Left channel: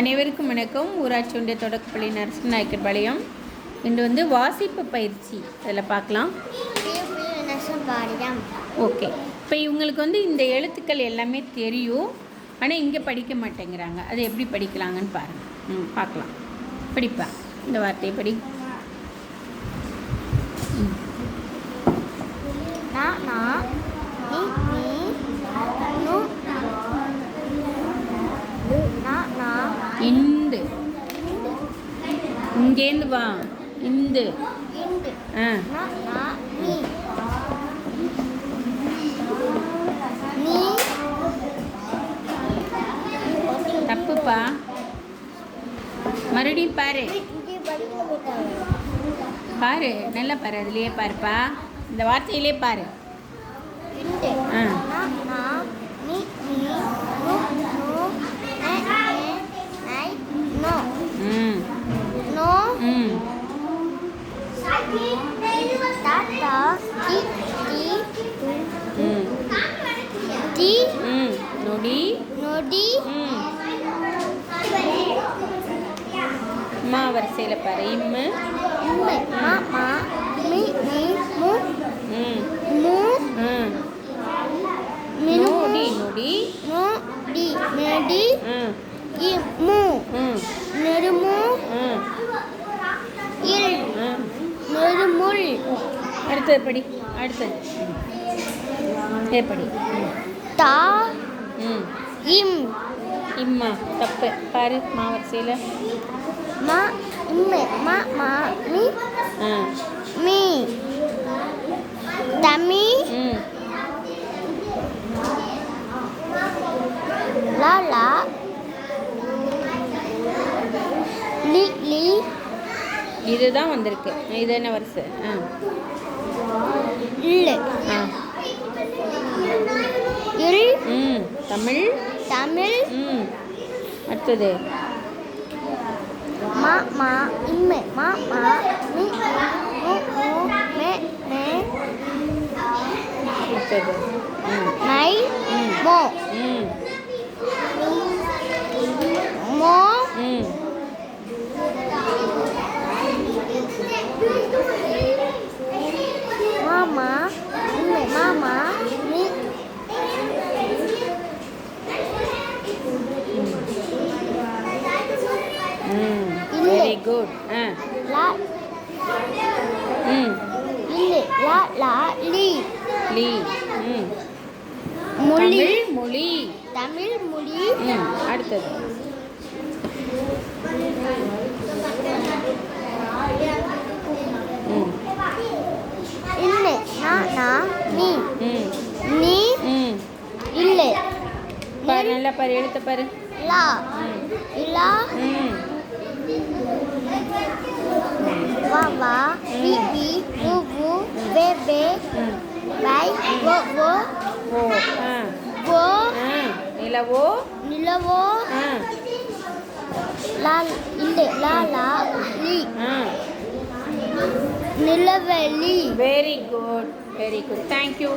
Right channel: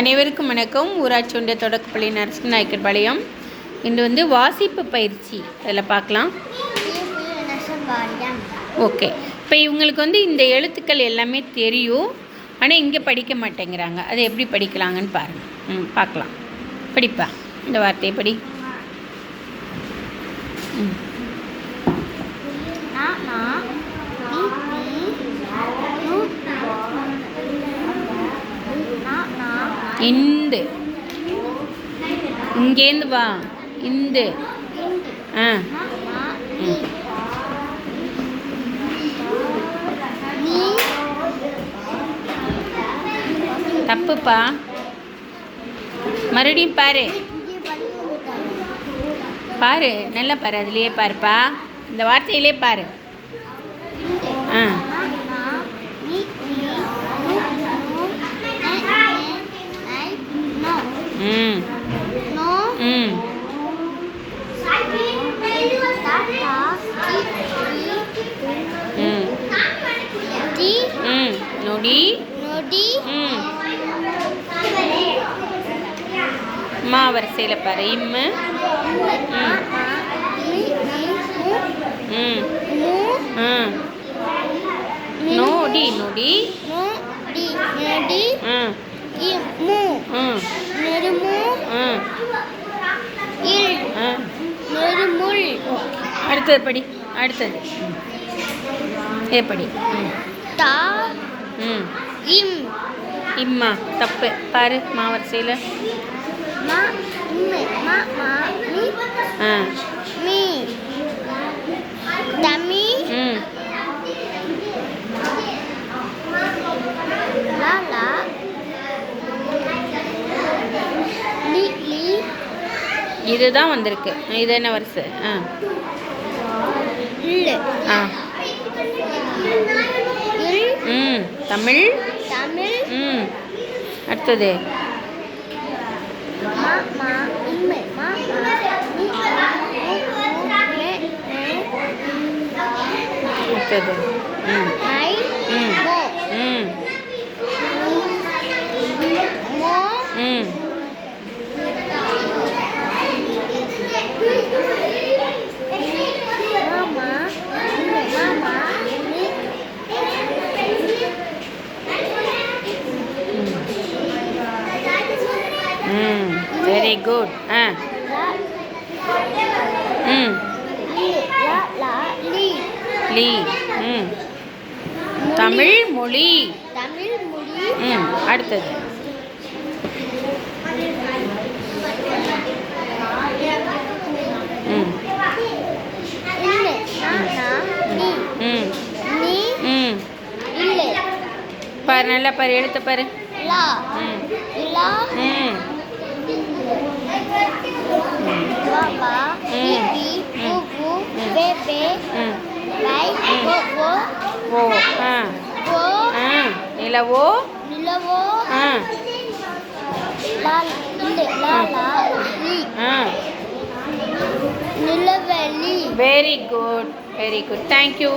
அனைவருக்கும் வணக்கம். ஊராட்சி ஒன்றிய தொடக்கப்பள்ளி நரசிம்மநாயக்கர் பாளையம். இன்று வந்து வாசிப்பு பயிற்சி. அதில் பார்க்கலாம். ஓகே. இப்போ இவங்களுக்கு வந்து இந்த எழுத்துக்கள் எல்லாமே தெரியும். ஆனால் இங்கே படிக்க மாட்டேங்கிறாங்க. அதை எப்படி படிக்கலாங்கன்னு பாருங்கள் ம் பார்க்கலாம். படிப்பா. இந்த வார்த்தையை படி. ம். இந்து. இங்கேருந்து வா. இந்து. ஆ. தப்புப்பா. மறுபடியும் பாரு. பாரு. நல்லா பாரு. அதுலேயே பாருப்பா. இந்த வார்த்தையிலே பாரு. ஆ. ம் ம் ம் ம் நொடி. ம் மா வரிசையில் பாரு இம்மு ம் ம் நோடி நொடி. ம். ம். ம். அடுத்தது படி அடுத்தது. ம். ஏ படி. ம். ம் இம்மா தப்பு. பாரு மா வரிசையில் ஆ. தமி ம். லாலா லி லி. இதுதான் வந்திருக்கு. இது என்ன வரிசை? ஆ. ஆ இல் ம் தமிழ் தமிழ் ம் அடுத்தது அடுத்தது ம் ம் மோ ம் மாமா இம்மு மாமா மி ம் வெரி குட் ஆ. ம். லி. ம். மொழி. தமிழ் மொழி. தமிழ் மொழி ம். அடுத்தது ம். பாரு நல்லா பாரு எடுத்த பாரு. ம். ம். ம். பேபே ம் லை கோ கோ ஓ ஆ கோ ஆ நிலவோ நிலவோ ஆ லா இல்லு லா லா லி ஆ நிலவெளி very good very good thank you